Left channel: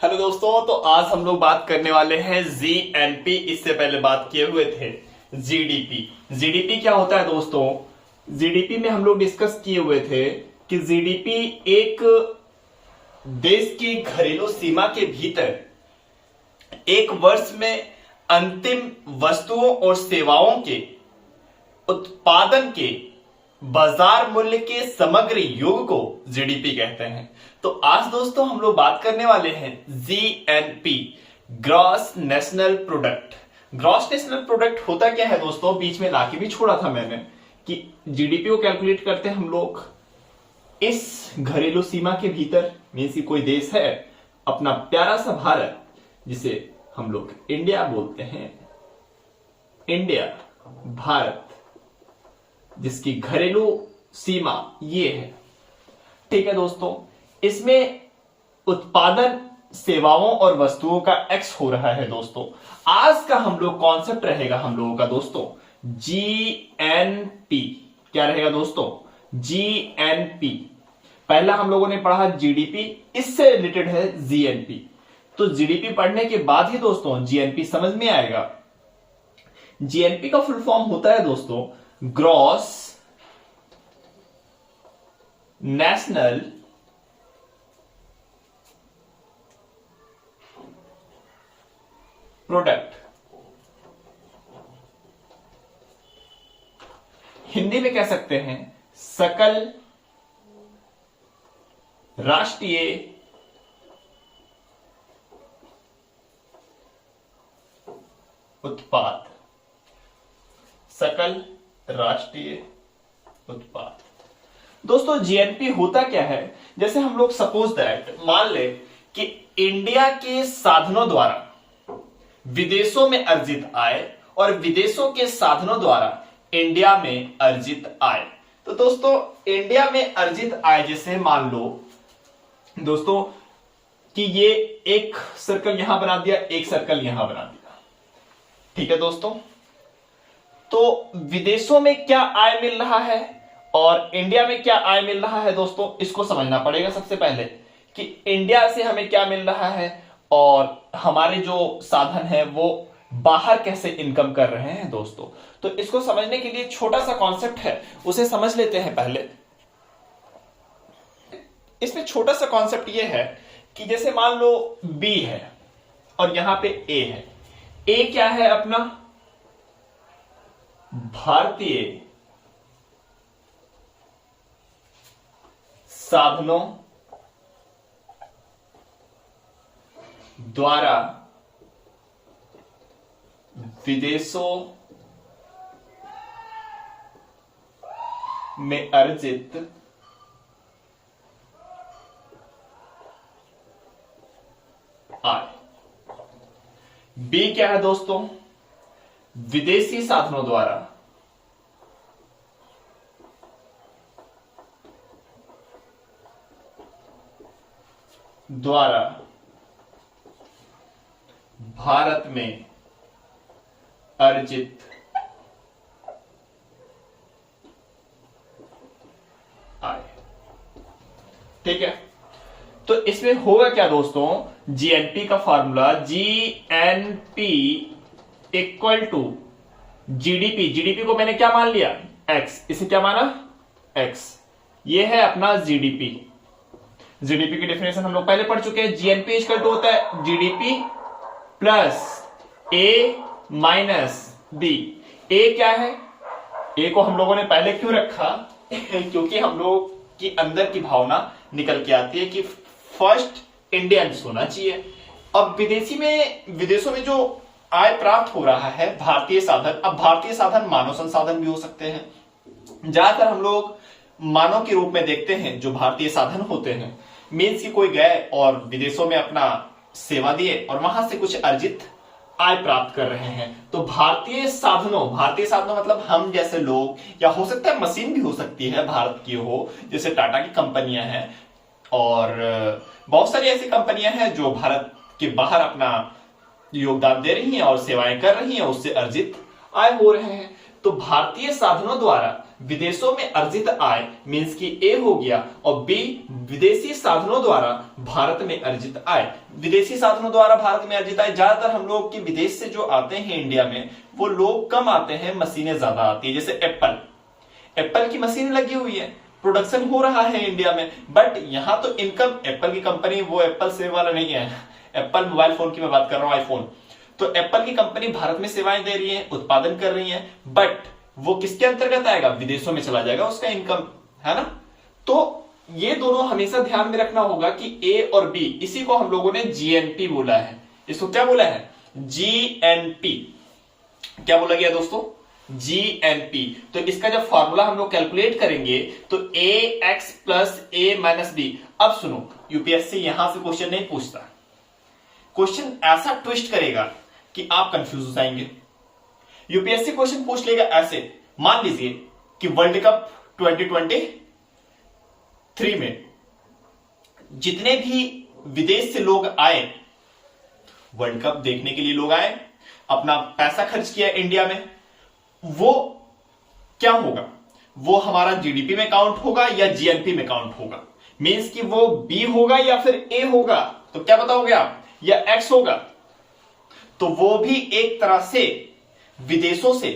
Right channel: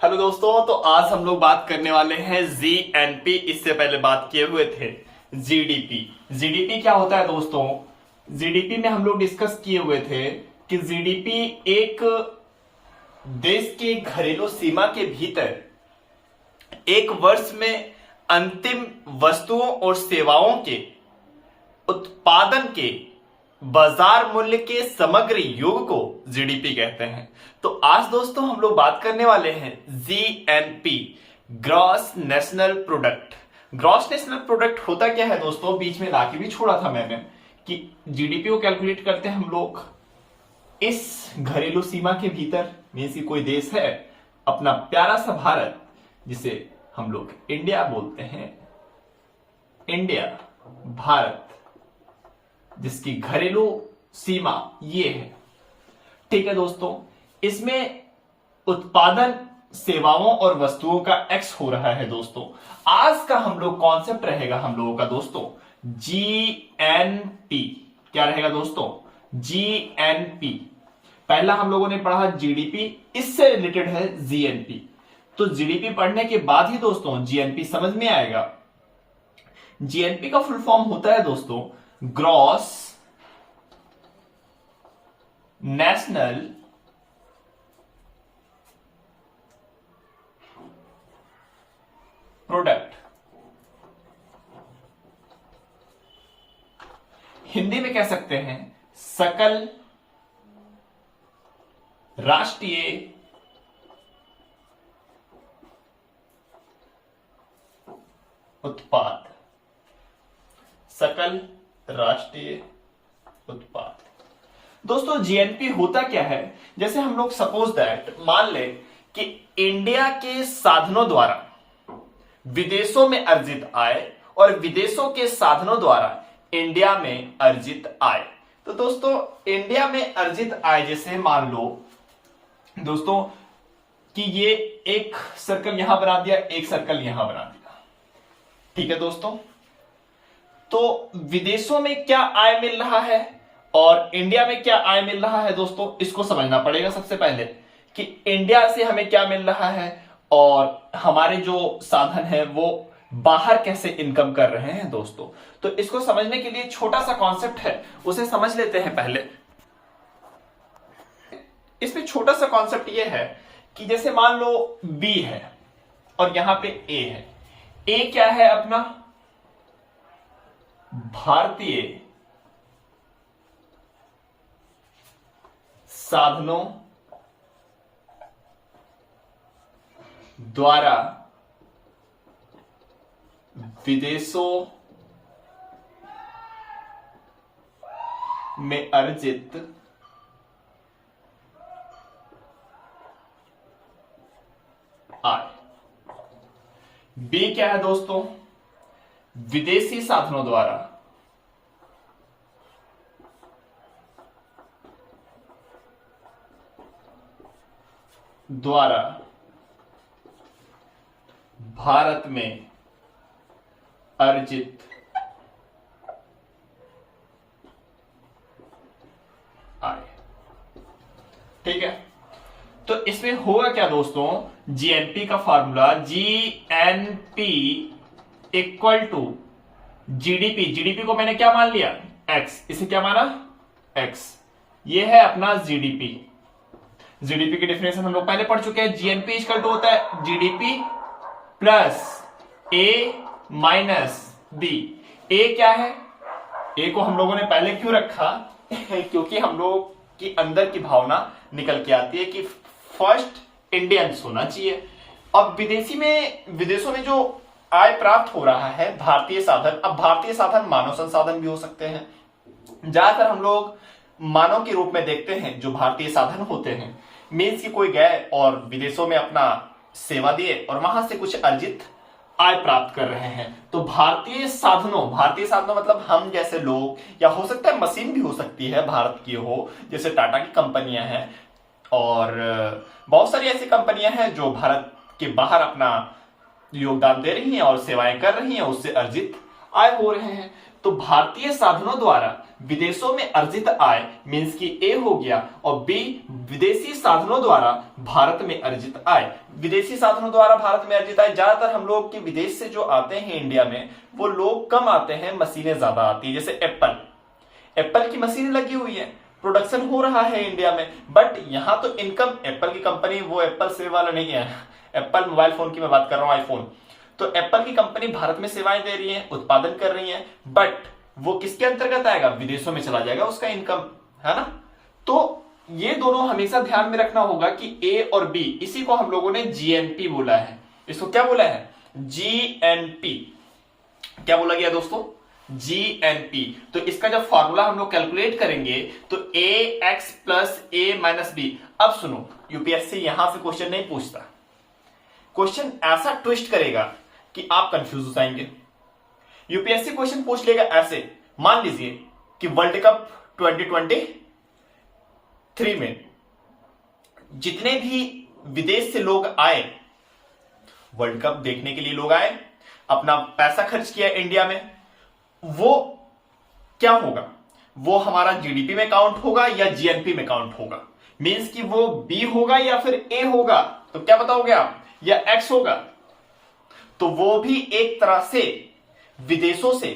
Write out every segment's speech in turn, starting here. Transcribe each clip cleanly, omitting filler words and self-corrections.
Hello दोस्तों, तो आज हम लोग बात करने वाले हैं जीएनपी। इससे पहले बात किए हुए थे जीडीपी। जीडीपी क्या होता है दोस्तों? जीडीपी में हम लोग डिस्कस किए हुए थे कि जीडीपी एक देश की घरेलू सीमा के भीतर एक वर्ष में अंतिम वस्तुओं और सेवाओं के उत्पादन के बाजार मूल्य के समग्र योग को जीडीपी कहते हैं। तो आज दोस्तों हम लोग बात करने वाले हैं GNP, gross national product. Gross national product होता क्या है दोस्तों? बीच में लाके भी छोड़ा था मैंने कि जीडीपी को कैलकुलेट करते हैं हम लोग इस घरेलू सीमा के भीतर। मीन्स की कोई देश है, अपना प्यारा सा भारत, जिसे हम लोग इंडिया बोलते हैं, इंडिया, भारत, जिसकी घरेलू सीमा ये है। ठीक है दोस्तों, इसमें उत्पादन सेवाओं और वस्तुओं का एक्स हो रहा है दोस्तों। आज का हम लोग कॉन्सेप्ट रहेगा हम लोगों का दोस्तों जीएनपी। क्या रहेगा दोस्तों? जीएनपी। पहला हम लोगों ने पढ़ा जीडीपी, इससे रिलेटेड है जीएनपी। तो जीडीपी पढ़ने के बाद ही दोस्तों जीएनपी समझ में आएगा। जीएनपी का फुल फॉर्म होता है दोस्तों ग्रॉस नेशनल प्रोडक्ट। हिंदी में कह सकते हैं सकल राष्ट्रीय उत्पाद। सकल राष्ट्रीय उत्पाद। दोस्तों जीएनपी होता क्या है? जैसे हम लोग सपोज दैट मान ले कि इंडिया के साधनों द्वारा विदेशों में अर्जित आय और विदेशों के साधनों द्वारा इंडिया में अर्जित आय। तो दोस्तों इंडिया में अर्जित आय जैसे मान लो दोस्तों कि ये एक सर्कल यहां बना दिया, एक सर्कल यहां बना दिया। ठीक है दोस्तों, तो विदेशों में क्या आय मिल रहा है और इंडिया में क्या आय मिल रहा है दोस्तों, इसको समझना पड़ेगा सबसे पहले कि इंडिया से हमें क्या मिल रहा है और हमारे जो साधन है वो बाहर कैसे इनकम कर रहे हैं दोस्तों। तो इसको समझने के लिए छोटा सा कॉन्सेप्ट है, उसे समझ लेते हैं पहले। इसमें छोटा सा कॉन्सेप्ट ये है कि जैसे मान लो बी है और यहां पे ए है। ए क्या है? अपना भारतीय साधनों द्वारा विदेशों में अर्जित आय। बी क्या है दोस्तों? विदेशी साधनों द्वारा भारत में अर्जित आय। ठीक है, तो इसमें होगा क्या दोस्तों? जीएनपी का formula GNP equal to GDP. GDP को मैंने क्या मान लिया? एक्स। इसे क्या माना? एक्स। ये है अपना जीडीपी। जीडीपी की डेफिनेशन हम लोग पहले पढ़ चुके हैं। जीएनपी इक्वल टू होता है जीडीपी प्लस ए माइनस बी। ए क्या है? ए को हम लोगों ने पहले क्यों रखा? क्योंकि हम लोग की अंदर की भावना निकल के आती है कि फर्स्ट इंडियंस होना चाहिए। अब विदेशों में जो आय प्राप्त हो रहा है भारतीय साधन, अब भारतीय साधन मानव संसाधन भी हो सकते हैं। ज्यादातर हम लोग मानव के रूप में देखते हैं जो भारतीय साधन होते हैं। मीन्स की कोई गए और विदेशों में अपना सेवा दिए और वहां से कुछ अर्जित आय प्राप्त कर रहे हैं। तो भारतीय साधनों मतलब हम जैसे लोग, या हो सकता है मशीन भी हो सकती है भारत की हो, जैसे टाटा की कंपनियां हैं और बहुत सारी ऐसी कंपनियां हैं जो भारत के बाहर अपना योगदान दे रही हैं और सेवाएं कर रही हैं, उससे अर्जित आय हो रहे हैं। तो भारतीय साधनों द्वारा विदेशों में अर्जित आय मींस की ए हो गया, और बी विदेशी साधनों द्वारा भारत में अर्जित आय। विदेशी साधनों द्वारा भारत में अर्जित आय, ज्यादातर हम लोग के विदेश से जो आते हैं इंडिया में वो लोग कम आते हैं, मशीनें ज्यादा आती है। जैसे एप्पल की मशीन लगी हुई है, प्रोडक्शन हो रहा है इंडिया में, बट यहां तो इनकम, एप्पल की कंपनी, वो एप्पल सेव वाला नहीं है, एप्पल मोबाइल फोन की मैं बात कर रहा हूं, आईफोन। तो एप्पल की कंपनी भारत में सेवाएं दे रही है, उत्पादन कर रही है, बट वो किसके अंतर्गत आएगा, विदेशों में चला जाएगा उसका इनकम, है ना। तो ये दोनों हमेशा ध्यान में रखना होगा कि ए और बी, इसी को हम लोगों ने जीएनपी बोला है। इसको क्या बोला है, जीएनपी। क्या बोला गया दोस्तों, जीएनपी। तो इसका जब फॉर्मूला हम लोग कैलकुलेट करेंगे तो ए एक्स प्लस ए माइनस बी। अब सुनो, यूपीएससी यहां से क्वेश्चन नहीं पूछता, क्वेश्चन ऐसा ट्विस्ट करेगा कि आप कंफ्यूज हो जाएंगे। यूपीएससी क्वेश्चन पूछ लेगा ऐसे, मान लीजिए कि वर्ल्ड कप 2023 में जितने भी विदेश से लोग आए, वर्ल्ड कप देखने के लिए लोग आए, अपना पैसा खर्च किया इंडिया में, वो क्या होगा, वो हमारा जीडीपी में काउंट होगा या जीएनपी में काउंट होगा। मींस कि वो बी होगा या फिर ए होगा, तो क्या बताओगे आप, या एक्स होगा। तो वो भी एक तरह से विदेशों से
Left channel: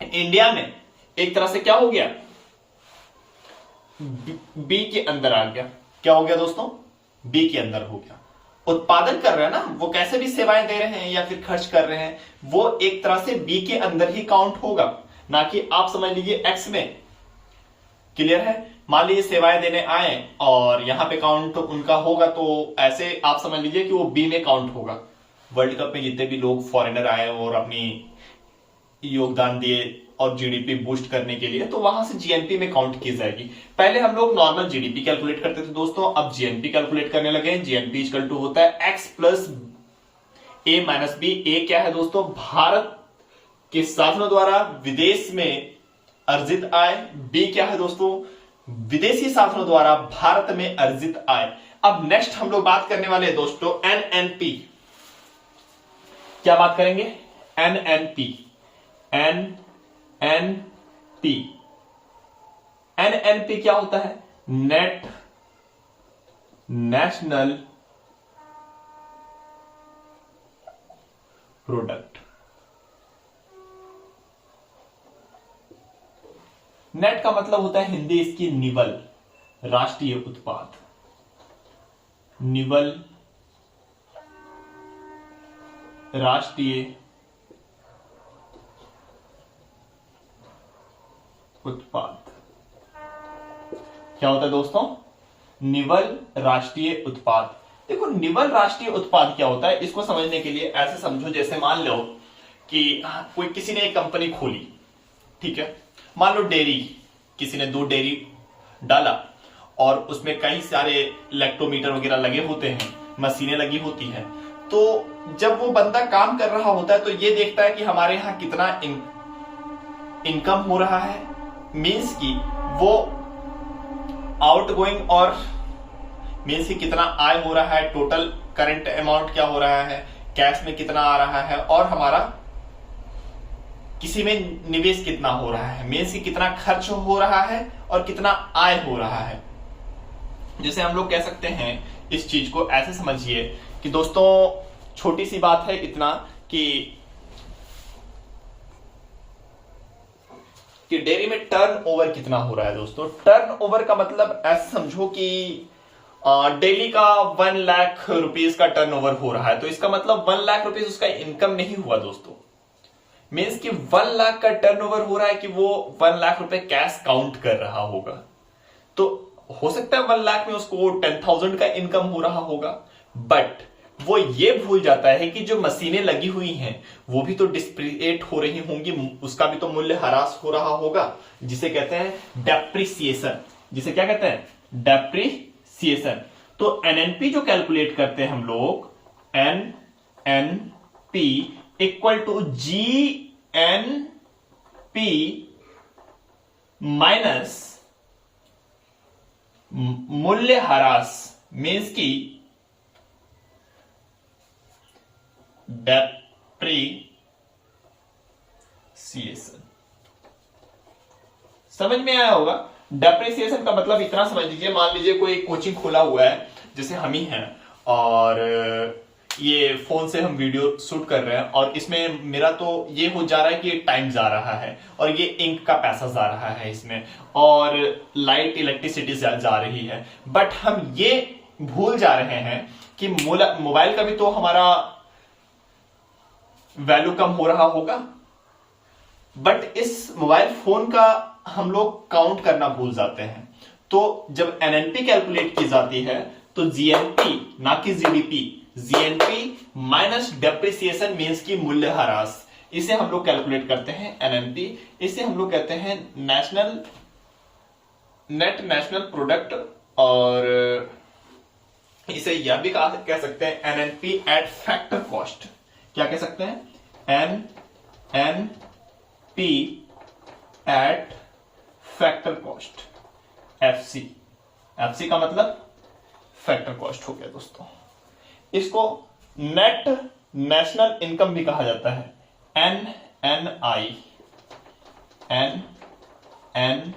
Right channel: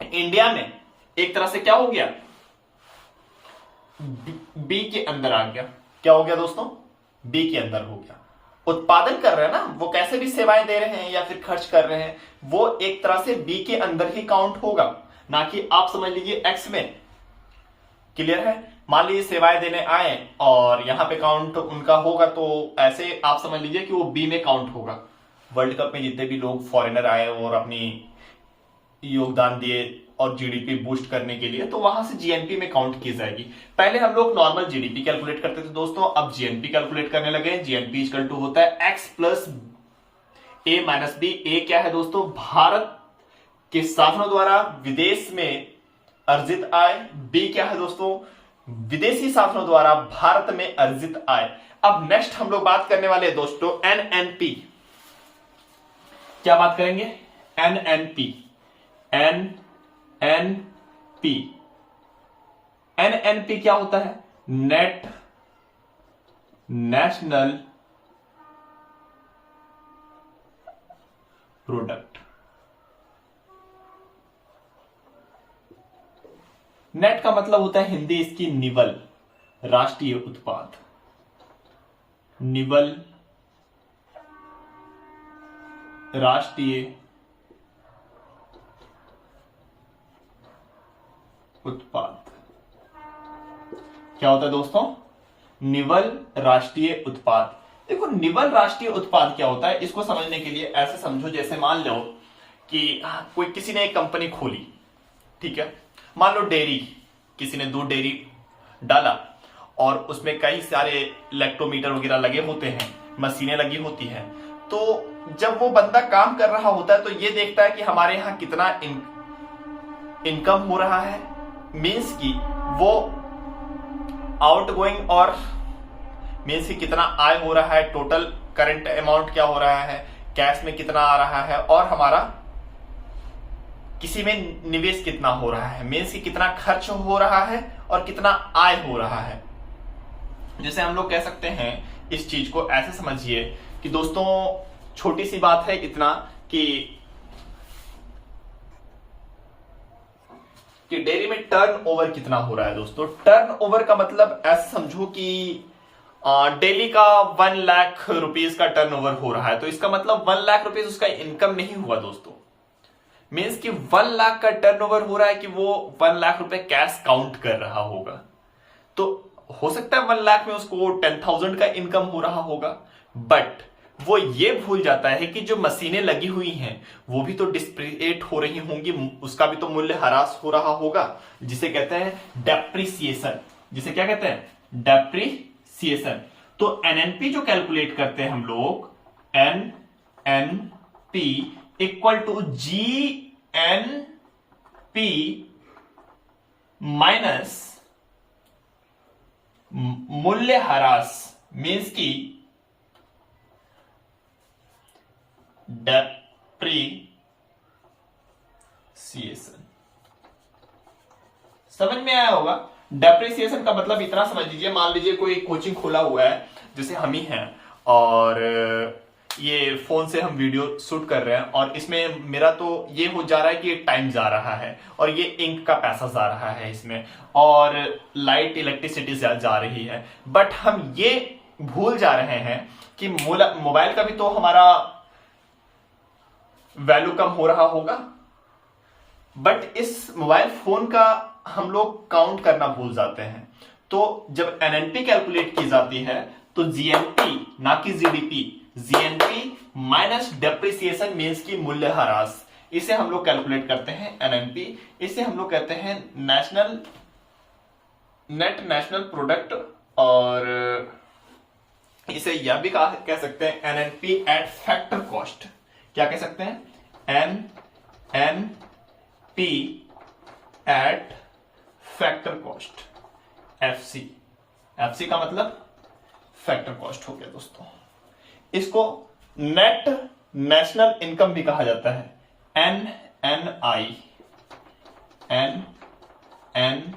इंडिया में एक तरह से क्या हो गया, बी के अंदर आ गया। क्या हो गया दोस्तों, बी के अंदर हो गया। उत्पादन कर रहे हैं ना, वो कैसे भी सेवाएं दे रहे हैं या फिर खर्च कर रहे हैं, वो एक तरह से बी के अंदर ही काउंट होगा, ना कि आप समझ लीजिए एक्स में। क्लियर है। मान लीजिए सेवाएं देने आए और यहां पे काउंट उनका होगा, तो ऐसे आप समझ लीजिए कि वो बी में काउंट होगा। वर्ल्ड कप में जितने भी लोग फॉरेनर आए और अपनी योगदान दिए और जीडीपी बूस्ट करने के लिए, तो वहां से जीएनपी में काउंट की जाएगी। पहले हम लोग नॉर्मल जीडीपी कैलकुलेट करते थे दोस्तों, अब जीएनपी कैलकुलेट करने लगे। जीएनपी इक्वल टू होता है एक्स प्लस ए माइनस बी। ए क्या है दोस्तों, भारत के साधनों द्वारा विदेश में अर्जित आय। बी क्या है दोस्तों, विदेशी साधनों द्वारा भारत में अर्जित आय। अब नेक्स्ट हम लोग बात करने वाले हैं दोस्तों एनएनपी। क्या बात करेंगे, एनएनपी। एनएनपी, एनएनपी क्या होता है, नेट नेशनल प्रोडक्ट। नेट का मतलब होता है हिंदी इसकी निवल, राष्ट्रीय उत्पाद। निवल राष्ट्रीय उत्पाद। क्या होता है दोस्तों, निवल राष्ट्रीय उत्पाद। देखो निवल राष्ट्रीय उत्पाद क्या होता है, इसको समझने के लिए ऐसे समझो, जैसे मान लो कि कोई किसी ने एक कंपनी खोली, ठीक है। मान लो डेयरी, किसी ने 2 डेयरी डाला और उसमें कई सारे लैक्टोमीटर वगैरह लगे होते हैं, मशीनें लगी होती हैं। तो जब वो बंदा काम कर रहा होता है तो ये देखता है कि हमारे यहां कितना इनकम हो रहा है, मीन्स कि वो आउटगोइंग और मीन्स कि कितना आय हो रहा है, टोटल करंट अमाउंट क्या हो रहा है, कैश में कितना आ रहा है, और हमारा किसी में निवेश कितना हो रहा है, मीन्स कि कितना खर्च हो रहा है और कितना आय हो रहा है। जैसे हम लोग कह सकते हैं इस चीज को ऐसे समझिए कि दोस्तों छोटी सी बात है इतना कि डेयरी में टर्न ओवर कितना हो रहा है दोस्तों। टर्न ओवर का मतलब ऐसे समझो कि डेली का 1 लाख रुपीस का टर्न ओवर हो रहा है, तो इसका मतलब 1 लाख रुपीस उसका इनकम नहीं हुआ दोस्तों। मीन्स कि 1 लाख का टर्नओवर हो रहा है कि वो 1 लाख रुपए कैश काउंट कर रहा होगा। तो हो सकता है 1 लाख में उसको 10,000 का इनकम हो रहा होगा, बट वो ये भूल जाता है कि जो मशीनें लगी हुई हैं वो भी तो डिस्प्रिएट हो रही होंगी, उसका भी तो मूल्य ह्रास हो रहा होगा, जिसे कहते हैं डेप्रिसिएशन। जिसे क्या कहते हैं, डेप्रिसिएशन। तो एनएनपी जो कैलकुलेट करते हैं हम लोग, NNP equal to GNP minus मूल्य ह्रास, मीन्स की डेप्रिसिएशन। समझ में आया होगा। डेप्रिसिएशन का मतलब इतना समझ लीजिए, मान लीजिए कोई कोचिंग खुला हुआ है, जैसे हम ही हैं, और ये फोन से हम वीडियो शूट कर रहे हैं, और इसमें मेरा तो ये हो जा रहा है कि टाइम जा रहा है, और ये इंक का पैसा जा रहा है इसमें, और लाइट इलेक्ट्रिसिटी जा रही है। बट हम ये भूल जा रहे हैं कि मोबाइल का भी तो हमारा वैल्यू कम हो रहा होगा, बट इस मोबाइल फोन का हम लोग काउंट करना भूल जाते हैं। तो जब एनएनपी कैलकुलेट की जाती है तो जीएनपी ना कि GDP, GNP minus depreciation means की मूल्य ह्रास, इसे हम लोग कैलकुलेट करते हैं एनएनपी। इसे हम लोग कहते हैं नेट नेशनल प्रोडक्ट, और इसे यह भी कह सकते हैं एनएनपी एट फैक्टर कॉस्ट। क्या कह सकते हैं? NNP eight factor cost, FC. FC का मतलब फैक्टर कॉस्ट हो गया दोस्तों। इसको नेट नेशनल इनकम भी कहा जाता है, NNI, NNI,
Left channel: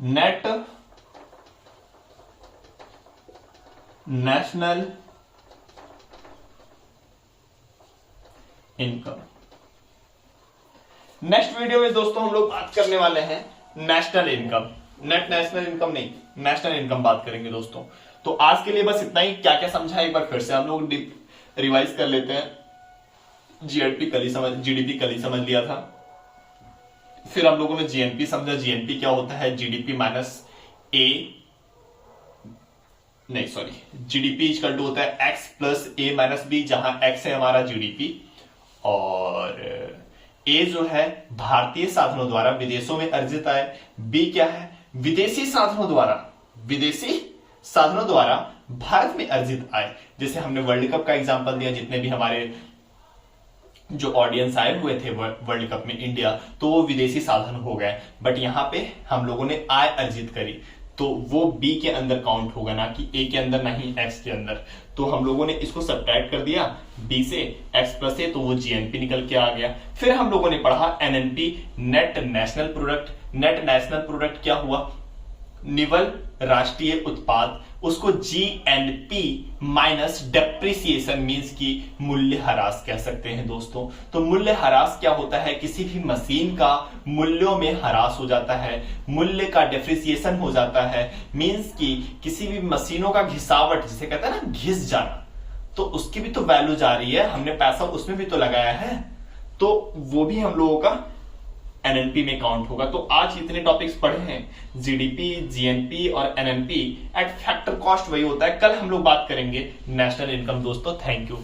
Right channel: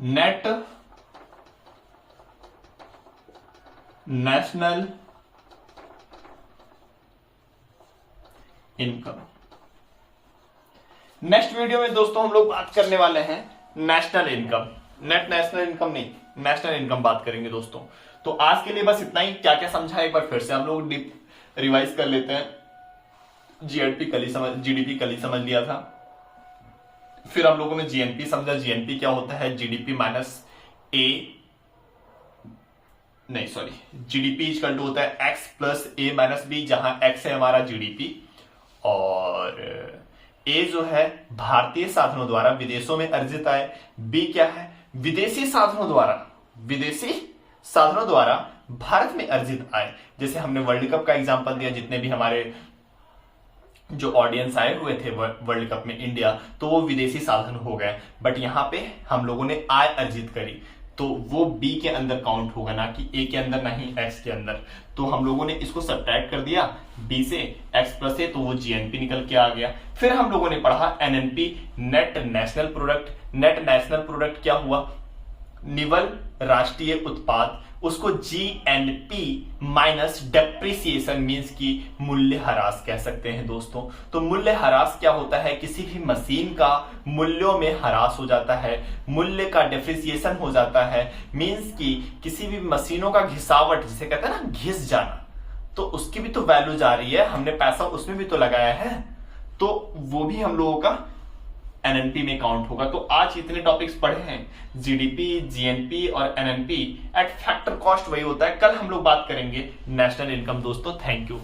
net national income. Next video में दोस्तों हम लोग बात करने वाले हैं national income, net national income नहीं, नेशनल इनकम बात करेंगे दोस्तों। तो आज के लिए बस इतना ही। क्या क्या समझा एक बार फिर से हम लोग रिवाइज कर लेते हैं। जीएडपी कल ही समझ, जीडीपी कल ही समझ लिया था। फिर हम लोगों ने जीएनपी समझा, जीएनपी क्या होता है? जीडीपी माइनस ए, नहीं सॉरी, जीडीपी इक्वल टू होता है एक्स प्लस ए माइनस बी, जहां एक्स है हमारा जीडीपी, और ए जो है भारतीय साधनों द्वारा विदेशों में अर्जित आय, बी क्या है? विदेशी साधनों द्वारा, विदेशी साधनों द्वारा भारत में अर्जित आय। जैसे हमने वर्ल्ड कप का एग्जांपल दिया, जितने भी हमारे जो ऑडियंस आए हुए थे वर्ल्ड कप में इंडिया, तो वो विदेशी साधन हो गए। बट यहां पे हम लोगों ने आय अर्जित करी, तो वो बी के अंदर काउंट होगा, ना कि ए के अंदर, ना ही एक्स के अंदर। तो हम लोगों ने इसको सब्ट्रैक्ट कर दिया बी से, एक्स प्लस ए, तो वो जीएनपी निकल के आ गया। फिर हम लोगों ने पढ़ा NNP, net national product. Net national product क्या हुआ? निवल राष्ट्रीय उत्पाद, उसको जीएनपी माइनस डेप्रिसिएशन मींस की मूल्य ह्रास कह सकते हैं दोस्तों। तो मूल्य ह्रास क्या होता है? किसी भी मशीन का मूल्यों में ह्रास हो जाता है, मूल्य का डेप्रिसिएशन हो जाता है, मींस की किसी भी मशीनों का घिसावट, जिसे कहते हैं ना घिस जाना, तो उसकी भी तो वैल्यू जा रही है, हमने पैसा उसमें भी तो लगाया है, तो वो भी हम लोगों का एनएनपी में काउंट होगा। तो आज इतने टॉपिक्स पढ़े हैं, जीडीपी, जीएनपी और एनएनपी एट फैक्टर कॉस्ट, वही होता है। कल हम लोग बात करेंगे नेशनल इनकम दोस्तों। Thank you.